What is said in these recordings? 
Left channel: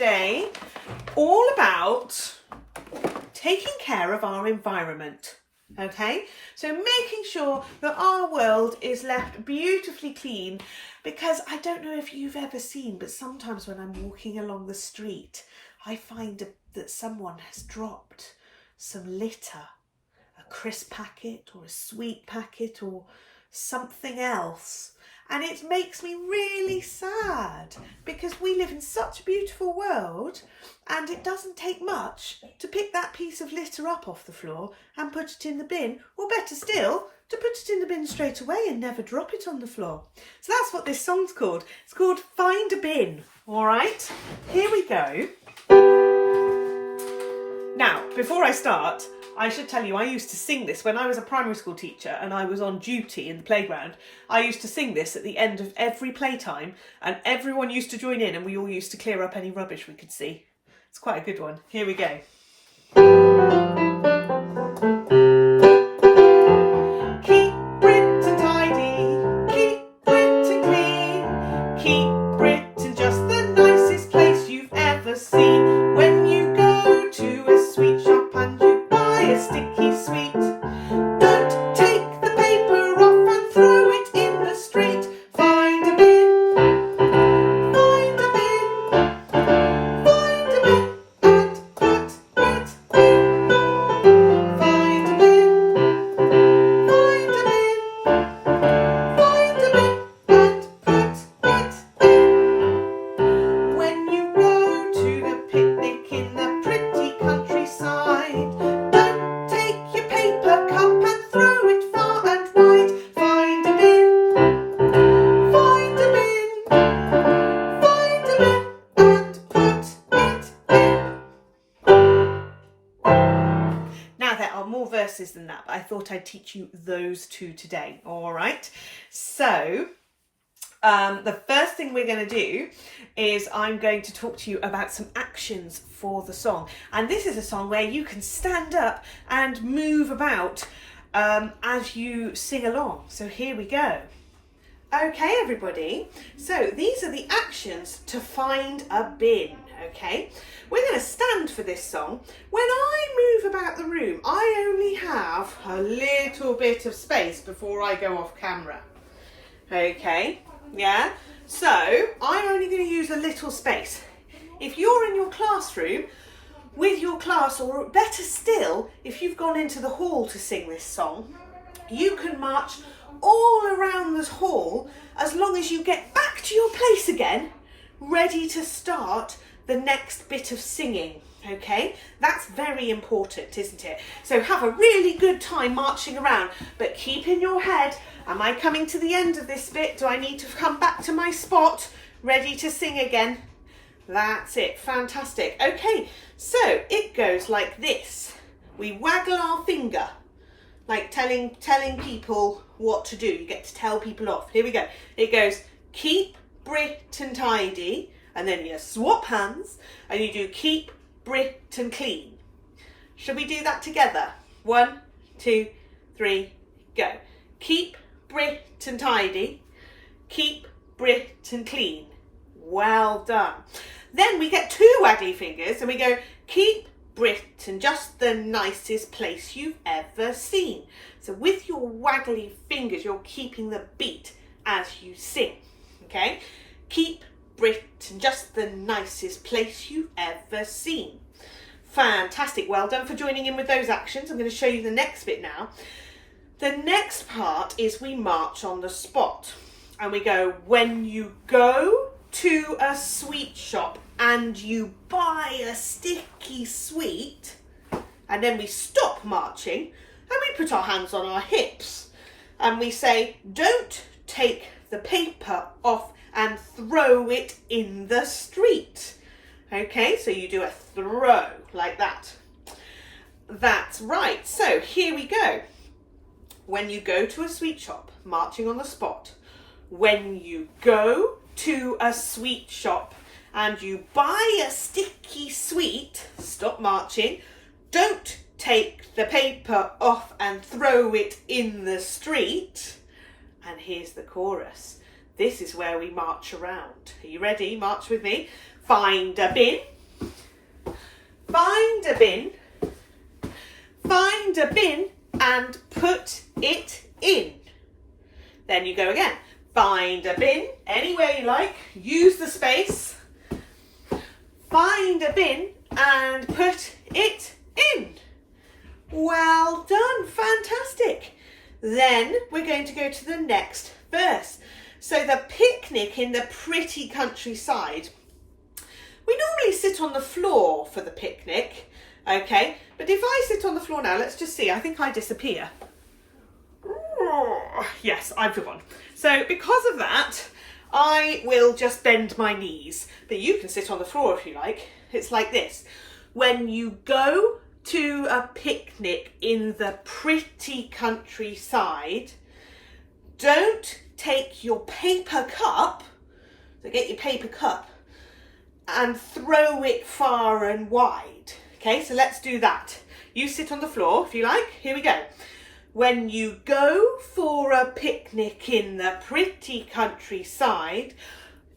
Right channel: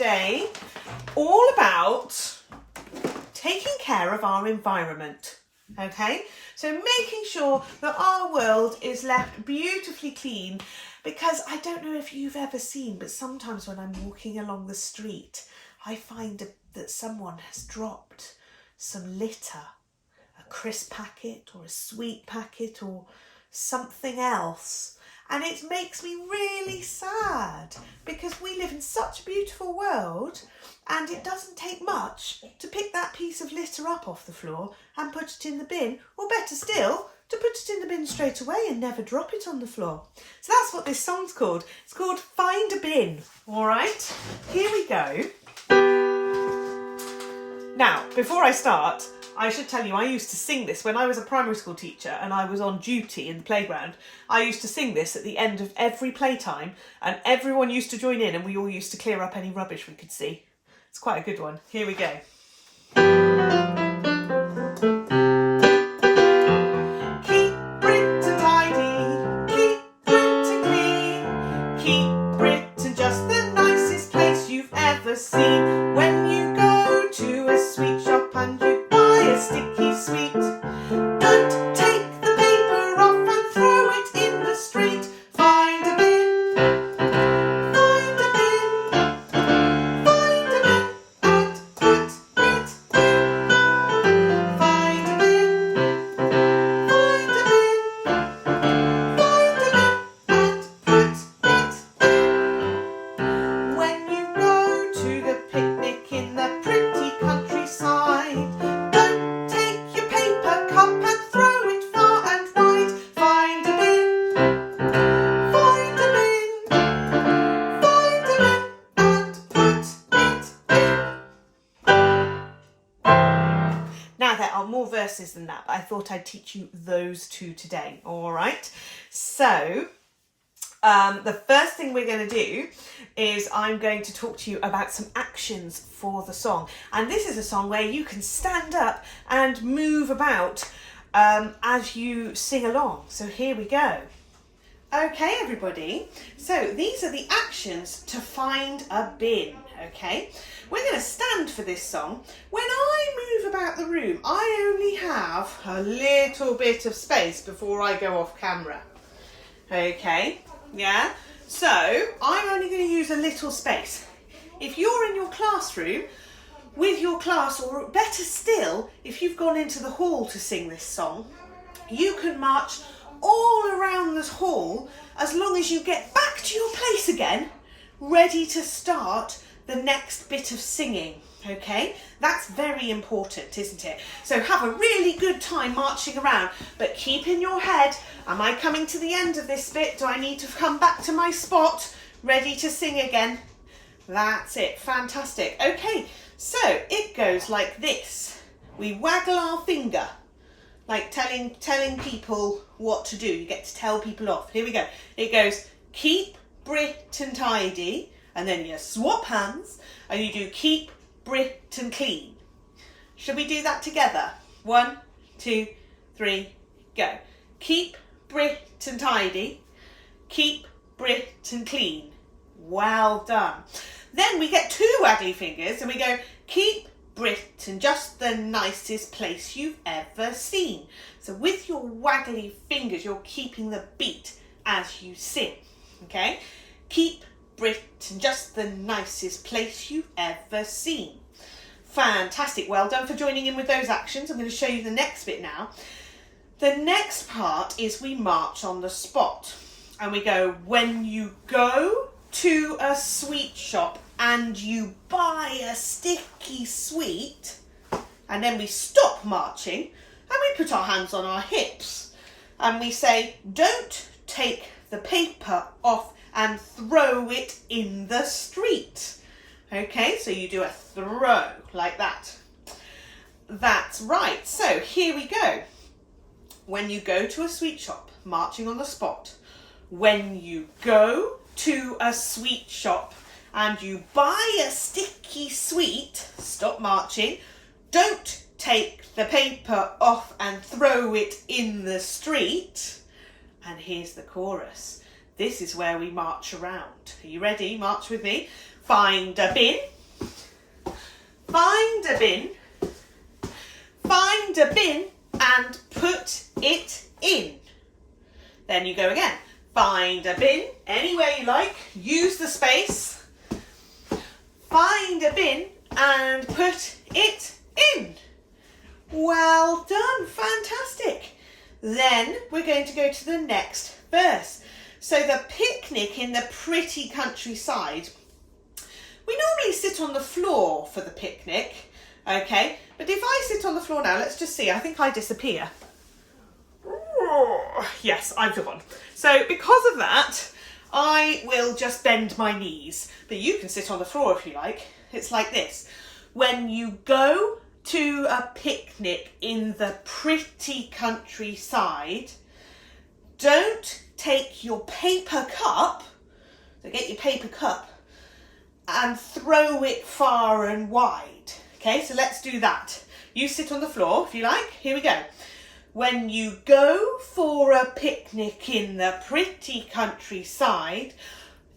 today all about taking care of our environment. Okay, so making sure that our world is left beautifully clean, because I don't know if you've ever seen, but sometimes when I'm walking along the street, I find that someone has dropped some litter, a crisp packet or a sweet packet or something else. And it makes me really sad, because we live in such a beautiful world and it doesn't take much to pick that piece of litter up off the floor and put it in the bin, or better still, to put it in the bin straight away and never drop it on the floor. So that's what this song's called. It's called Find a Bin. All right, here we go. Now, before I start, I should tell you, I used to sing this when I was a primary school teacher and I was on duty in the playground. I used to sing this at the end of every playtime, and everyone used to join in and we all used to clear up any rubbish we could see. It's quite a good one. Here we go. Keep Britain tidy, keep Britain clean, keep Britain just the nicest place you've ever seen. When you go to a sweet shop and you buy a sticky sweet, don't take the paper off and throw it in the street. Find a bin, find a bin, find a bin and put it in. Find a bin, find a bin, find a bin and put it in. When you go to the picnic in the pretty countryside, don't take your paper cup and throw it far and wide. Find a bin, find a bin, find a bin and put it in. Now there are more verses than that, but I thought I'd teach you those two today. All right, so the first thing we're going to do is I'm going to talk to you about some actions for the song. And this is a song where you can stand up and move about as you sing along. So here we go. Okay, everybody. So these are the actions to find a bin, okay? We're going to stand for this song. When I move about the room, I only have a little bit of space before I go off camera. Okay, yeah? So I'm only going to use a little space. If you're in your classroom with your class, or better still, if you've gone into the hall to sing this song, you can march all around the hall as long as you get back to your place again, ready to start the next bit of singing. Okay, that's very important, isn't it? So have a really good time marching around, but keep in your head, am I coming to the end of this bit? Do I need to come back to my spot, ready to sing again? That's it, fantastic. Okay, so it goes like this. We waggle our finger, like telling people what to do. You get to tell people off. Here we go. It goes, keep Britain tidy, and then you swap hands and you do keep Britain clean. Should we do that together? 1, 2, 3, go. Keep Britain tidy, keep Britain clean. Well done. Then we get 2 waggly fingers and we go, keep Britain just the nicest place you've ever seen. So with your waggly fingers, you're keeping the beat as you sing, okay? Keep Britain just the nicest place you've ever seen. Fantastic, well done for joining in with those actions. I'm going to show you the next bit now. The next part is we march on the spot and we go, when you go to a sweet shop and you buy a sticky sweet, and then we stop marching and we put our hands on our hips and we say, don't take the paper off and throw it in the street. Okay, so you do a throw like that. That's right. So here we go. When you go to a sweet shop, marching on the spot. When you go to a sweet shop and you buy a sticky sweet, stop marching. Don't take the paper off and throw it in the street. And here's the chorus. This is where we march around. Are you ready? March with me. find a bin, find a bin, find a bin and put it in. Then you go again. Find a bin, anywhere you like, use the space. Find a bin and put it in. Well done, fantastic. Then we're going to go to the next verse. So the picnic in the pretty countryside. We normally sit on the floor for the picnic, okay? But if I sit on the floor now, let's just see, I think I disappear. Yes, I've forgotten. So because of that, I will just bend my knees. But you can sit on the floor if you like. It's like this. When you go to a picnic in the pretty countryside, don't take your paper cup, so get your paper cup, and throw it far and wide. Okay, so let's do that. You sit on the floor if you like. Here we go. When you go for a picnic in the pretty countryside,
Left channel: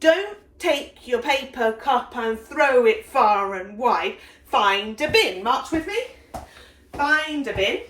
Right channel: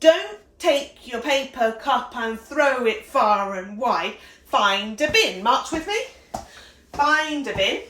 don't take your paper cup and throw it far and wide. Find a bin. March with me. Find a bin.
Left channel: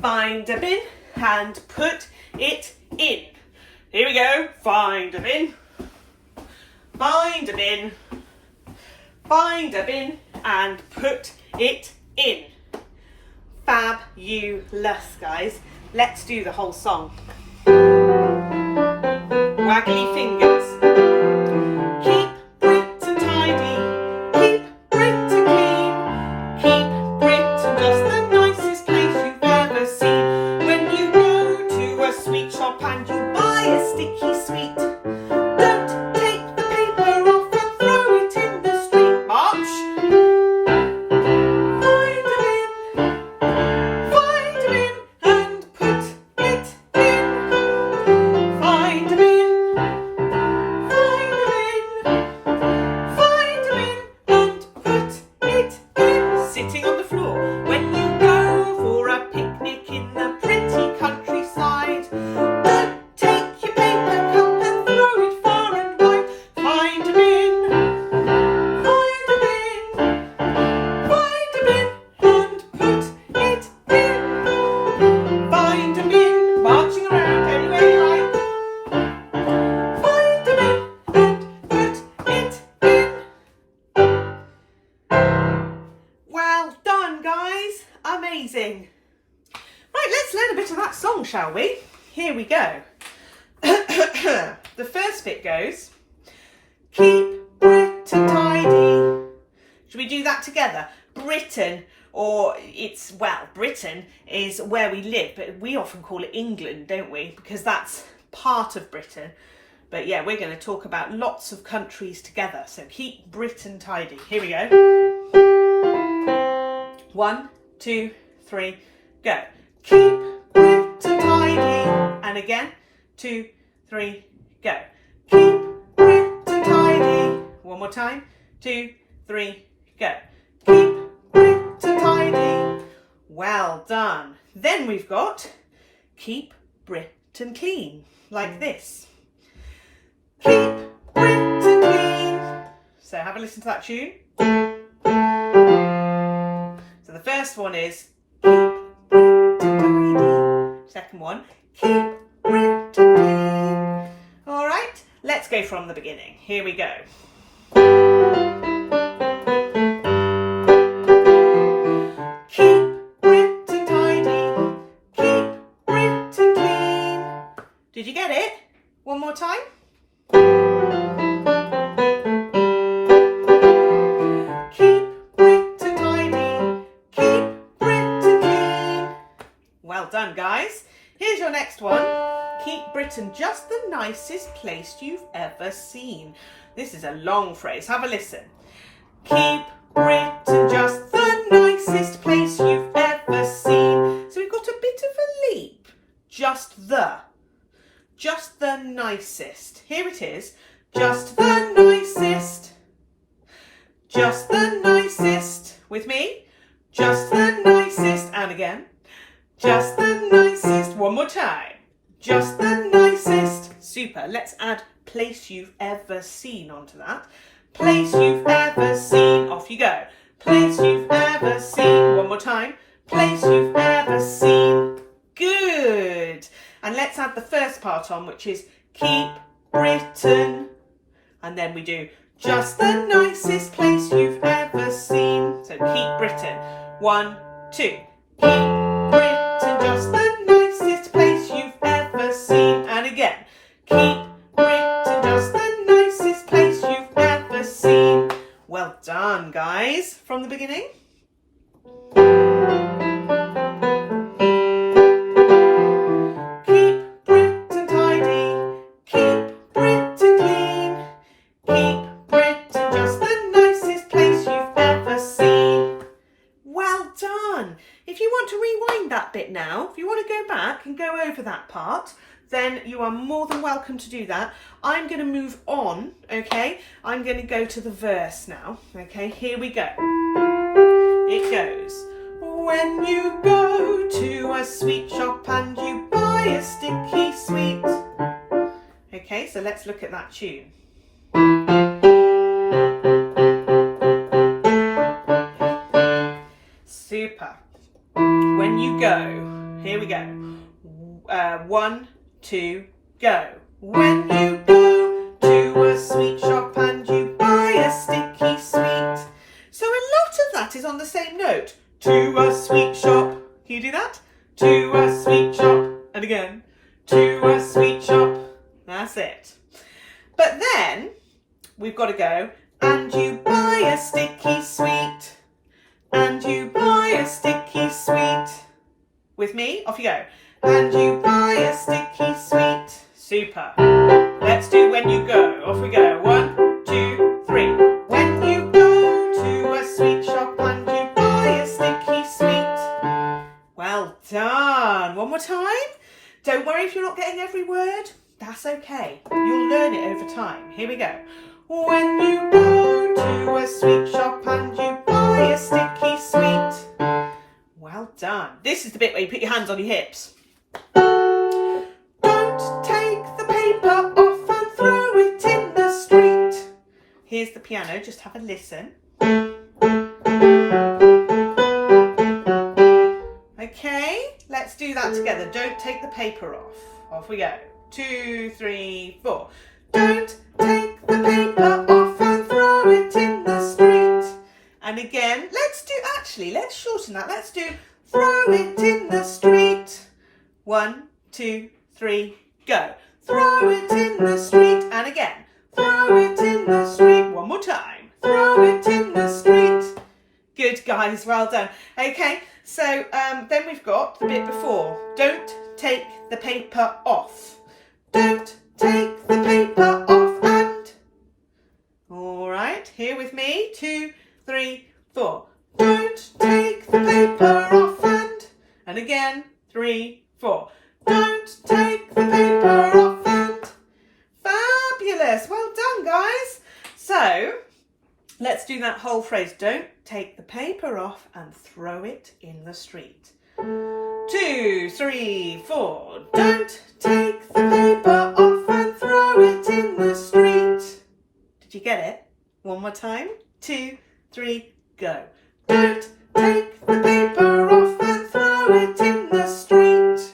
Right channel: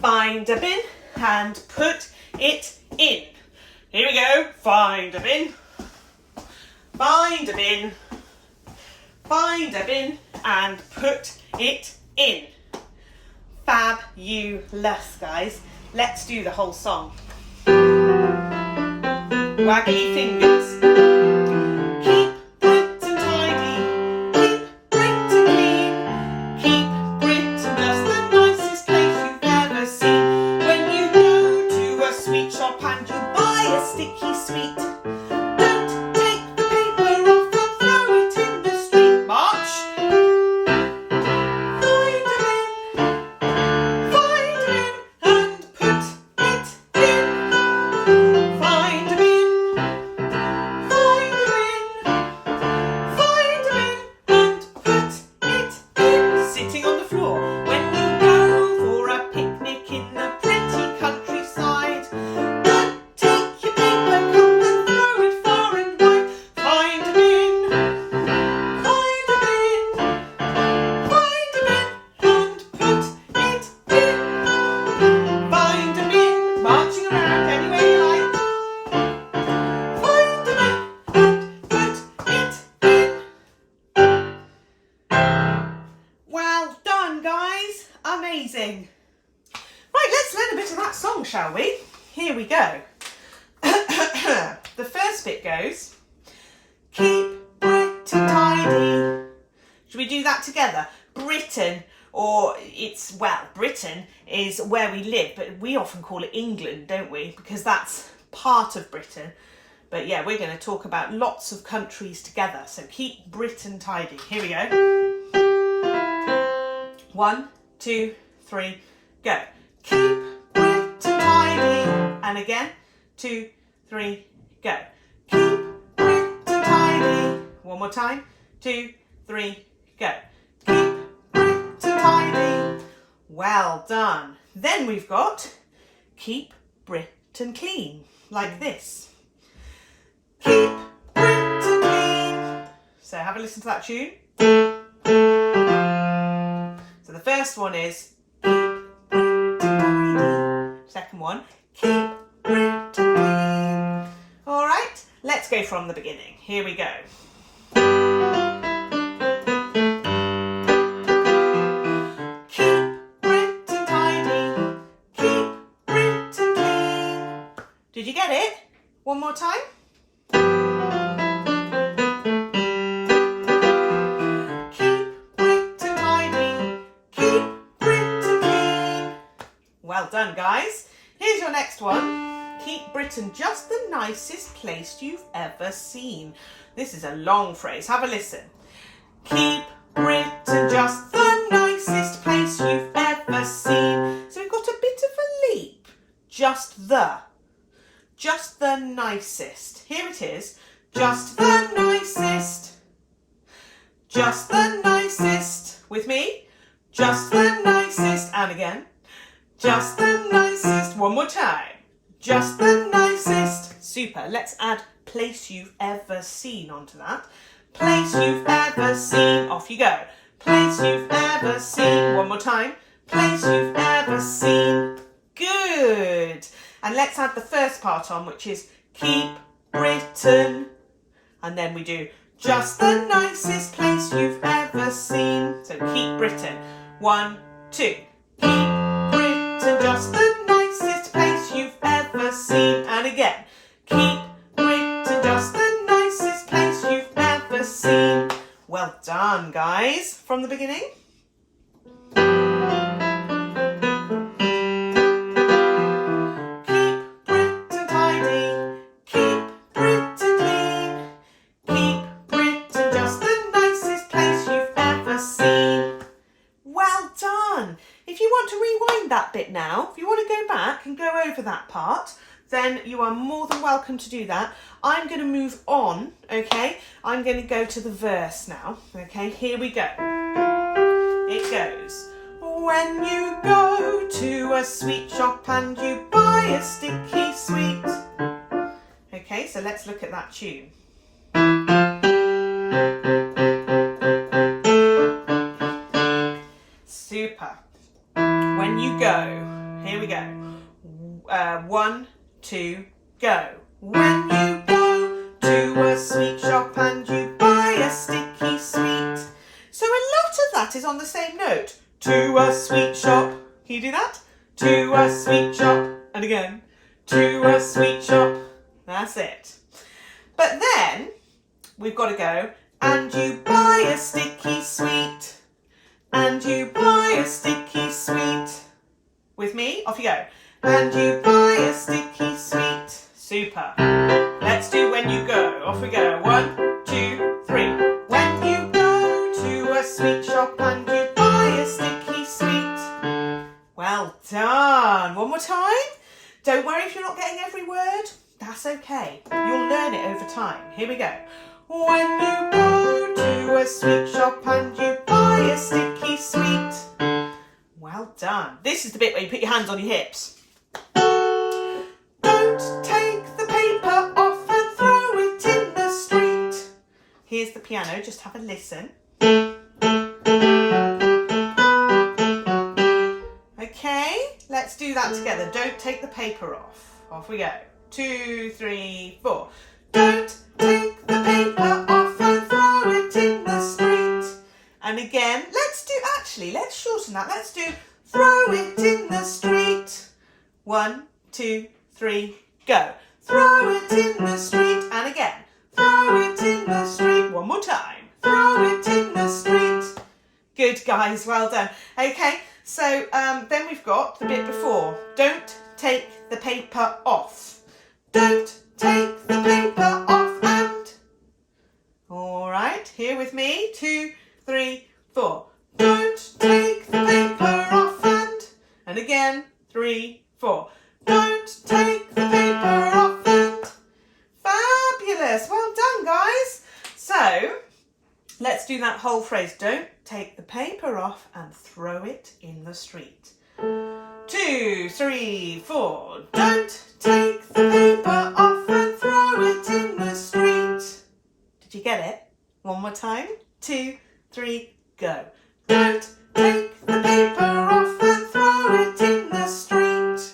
Find a bin and put it in. Here we go. Find a bin. Find a bin. Find a bin and put it in. Fabulous, guys. Let's do the whole song. Waggly fingers. Keep Britain tidy. Keep Britain clean. Keep Britain just the nicest place you've ever seen. When you go to a sweet shop and you buy a sticky sweet, don't take the paper off and throw it in the street. March. Amazing. Right, let's learn a bit of that song, shall we? Here we go. The first bit goes, keep Britain tidy. Should we do that together? Britain, or it's, well, Britain is where we live, but we often call it England, don't we? Because that's part of Britain. But yeah, we're going to talk about lots of countries together. So keep Britain tidy. Here we go. 1, 2, 3, go. Keep Britain tidy. And again, 2, 3, go. Keep Britain tidy. One more time. 2, 3, go. Keep Britain tidy. Well done. Then we've got keep Britain clean, like this. Keep Britain clean. So have a listen to that tune. So the first one is keep Britain tidy. Second one, keep Britain clean. All right, let's go from the beginning. Here we go. Keep Britain tidy. Keep Britain clean. Did you get it? One more time. Well done, guys. Here's your next one. Keep Britain just the nicest place you've ever seen. This is a long phrase. Have a listen. Keep Britain just the nicest place you've ever seen. So we've got a bit of a leap. Just the nicest. Here it is. Just the nicest. Just the nicest. With me? Just the nicest. And again. Just the nicest. One more time. Just the nicest. Super. Let's add place you've ever seen onto that. place you've ever seen. Off you go. Place you've ever seen. One more time. Place you've ever seen. Good. And let's add the first part on, which is keep Britain. And then we do just the nicest place you've ever seen. So keep Britain. 1, 2. Keep Britain, just the nicest place you've ever seen. And again. Keep Britain, just the nicest place you've ever seen. Well done, guys. From the beginning. That bit now, if you want to go back and go over that part, then you are more than welcome to do that. I'm going to move on, okay? I'm going to go to the verse now, okay? Here we go. It goes, when you go to a sweet shop and you buy a sticky sweet. Okay, so let's look at that tune. Super. When you go, here we go. 1, 2, go. When you go to a sweet shop and you buy a sticky sweet. So a lot of that is on the same note. To a sweet shop. Can you do that? To a sweet shop. And again. To a sweet shop. That's it. But then we've got to go. And you buy a sticky sweet. And you buy a sticky sweet. With me? Off you go. And you buy a sticky sweet. Super. Let's do when you go. Off we go. 1, 2, 3. When you go to a sweet shop and you buy a sticky sweet. Well done. One more time. Don't worry if you're not getting every word. That's okay. You'll learn it over time. Here we go. When you go to a sweet shop and you buy a sticky sweet. Well done. This is the bit where you put your hands on your hips. Don't take the paper off and throw it in the street. Here's the piano, just have a listen. Okay, let's do that together. Don't take the paper off. Off we go. 2, 3, 4. Don't take the paper off and throw it in the street. And again, let's shorten that. Let's do throw it in the street. 1, 2, 3, go. Throw it in the street. And again, throw it in the street. One more time. Throw it in the street. Good, guys, well done. Okay, so then we've got the bit before. Don't take the paper off. Don't take the paper off and. All right, here with me. 2, 3, 4. Don't take the paper off and again. 3, 4. Don't take the paper off and. Fabulous. Well done, guys. So let's do that whole phrase. Don't take the paper off and throw it in the street. 2, 3, 4. Don't take the paper off and throw it in the street. Did you get it? One more time. 2, 3, go. Don't take the paper off and throw it in the street.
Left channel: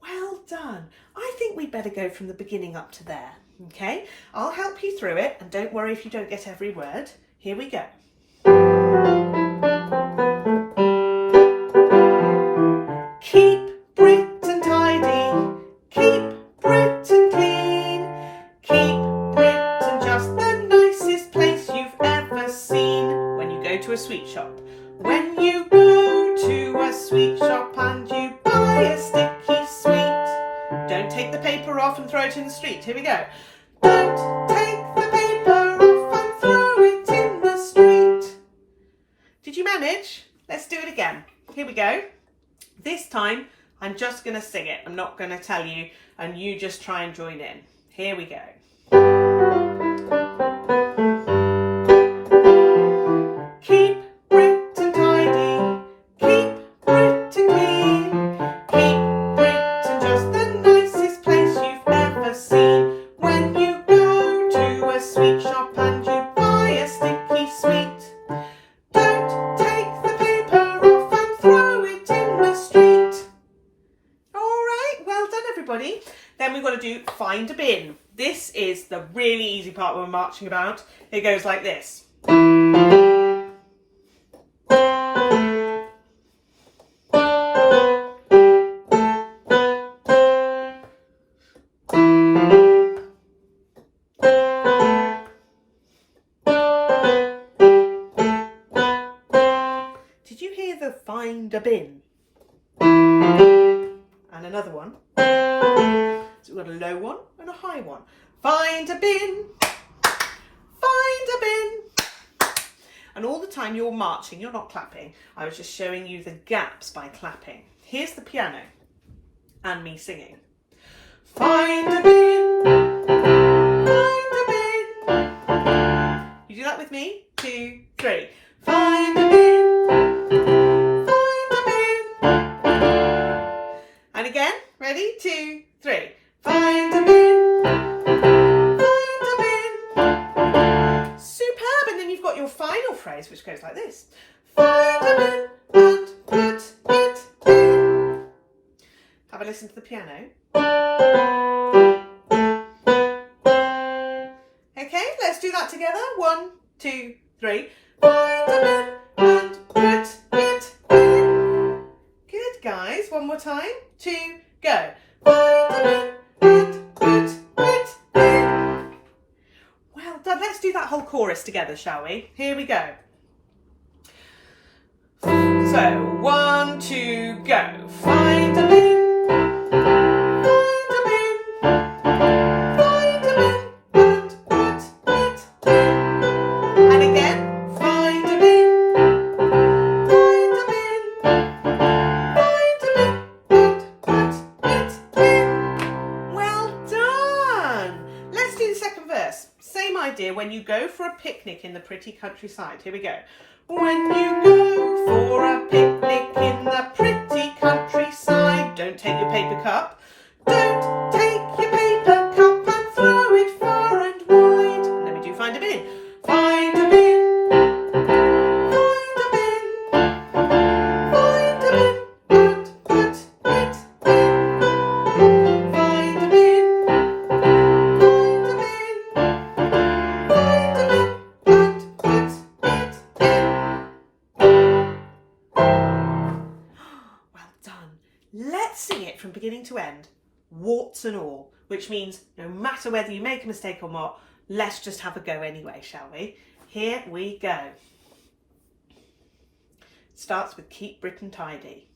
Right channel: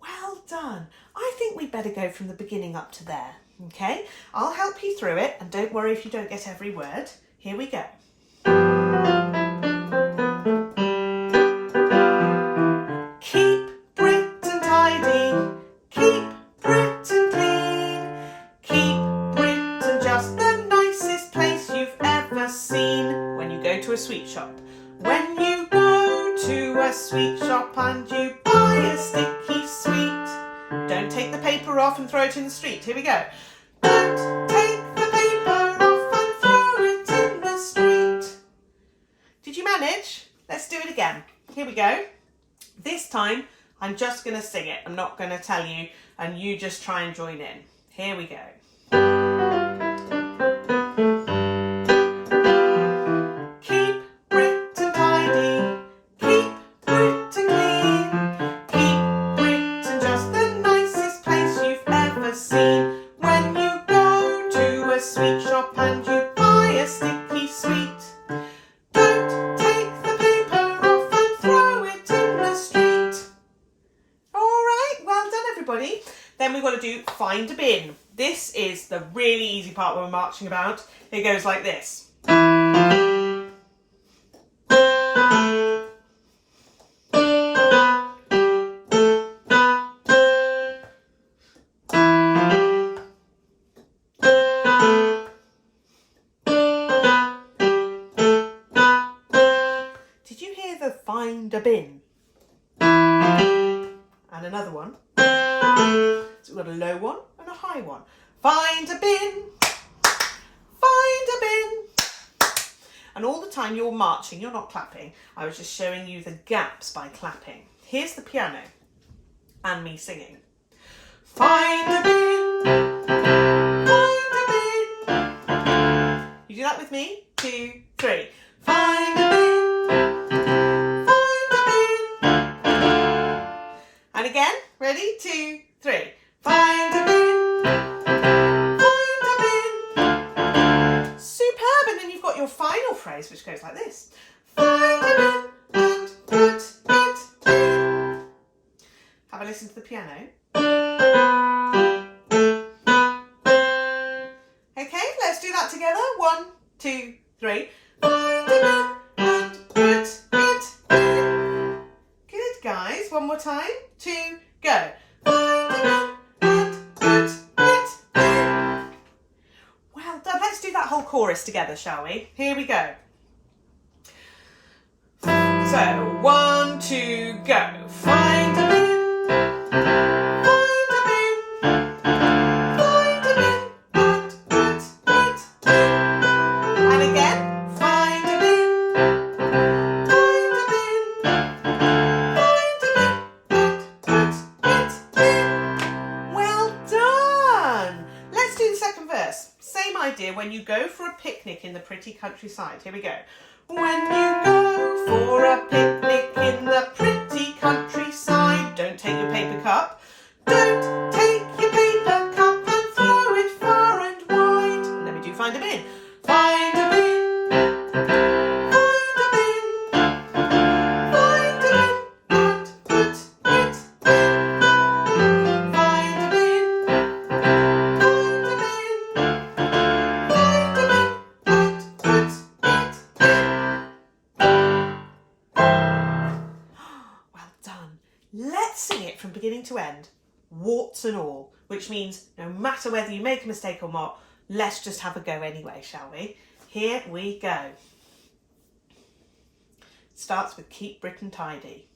Well done. I think we better go from the beginning up to there. Okay? I'll help you through it, and don't worry if you don't get every word. Here we go. Keep Britain tidy. Keep Britain clean. Keep Britain just the nicest place you've ever seen. When you go to a sweet shop. When you go to a sweet shop and you buy a sticky sweet. Don't take the paper off and throw it in the street. Here we go. Don't take the paper off and throw it in the street. Did you manage? Let's do it again. Here we go. This time, I'm just going to sing it. I'm not going to tell you, and you just try and join in. Here we go. Keep Britain tidy. Keep Britain clean. Keep Britain just the nicest place you've ever seen. When you go to a sweet shop and you we? Then we've got to do find a bin. This is the really easy part when we're marching about. It goes like this. Did you hear the find a bin? And another one. So we've got a low one and a high one. Find a bin. Find a bin. And all the time you're marching, you're not clapping. I was just showing you the gaps by clapping. Here's the piano and me singing. Find a bin. Find a bin. You do that with me? 2, 3. Find a bin. And again, ready? 2, 3. Find a bin. Find a bin. Superb. And then you've got your final phrase, which goes like this. Find a bin and put it in. Have a listen to the piano. Okay, let's do that together. 1, 2, 3. Find a bin and put it in. Good, guys. One more time. 2, go. Find a bin and put it in. Well done. Let's do that whole chorus together, shall we? Here we go. So, 1, 2, go. Find a bin. Find a bin. Find a bin and put it in. And again. Find a bin. Find a bin. Find a bin and put it in. Well done. Let's do the second verse. Same idea when you go for a picnic in the pretty countryside. Here we go. When you go for a picnic in the pretty countryside, don't take your paper cup. Don't take your paper cup and throw it far and wide. And then we do find a bin. Find a bin. Find a bin. Find a bin and put it in. Find a bin. Find a bin. Find a bin and put it in. Well done. Let's sing it from beginning to end, warts and all, which means no matter whether you make a mistake or not, let's just have a go anyway, shall we? Here we go. Starts with Keep Britain Tidy.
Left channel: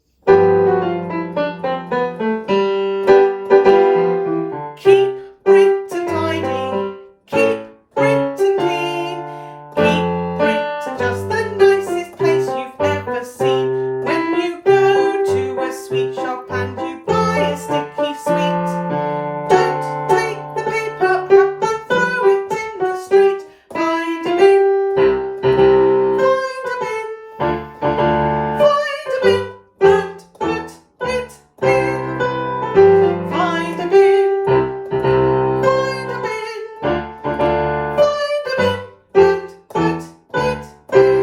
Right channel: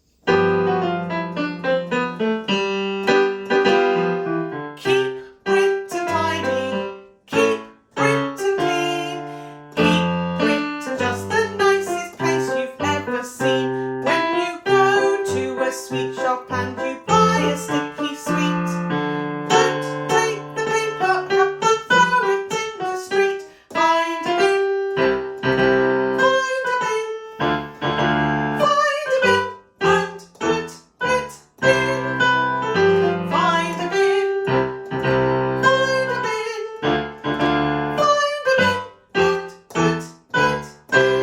Keep Britain tidy, keep Britain clean, keep Britain just the nicest place you've ever seen. When you go to a sweet shop and you buy a sticky sweet, don't take the paper cup and throw it in the street. Find a bin, find a bin, find a bin and put it in. Find a bin, find a bin, find a bin and put it in.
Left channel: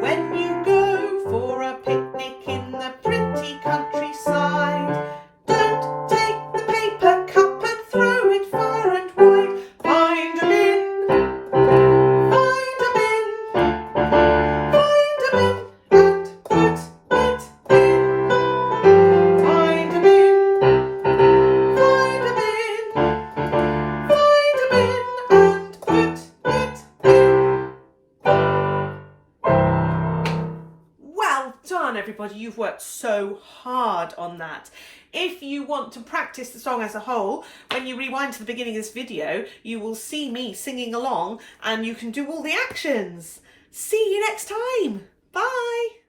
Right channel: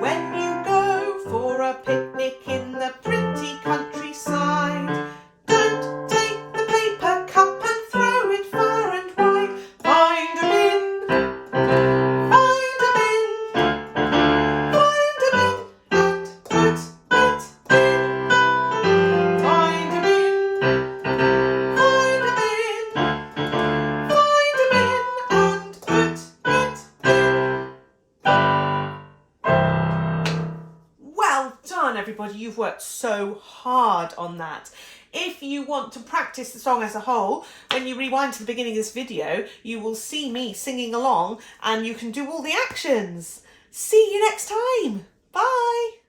When you go for a picnic in the pretty countryside, don't take the paper cup and throw it far and wide. Find a bin, find a bin, find a bin and put it in. Find a bin, find a bin, find a bin and put it in. Well done, everybody. You've worked so hard on that. If you want to practice the song as a whole, when you rewind to the beginning of this video, you will see me singing along and you can do all the actions. See you next time. Bye.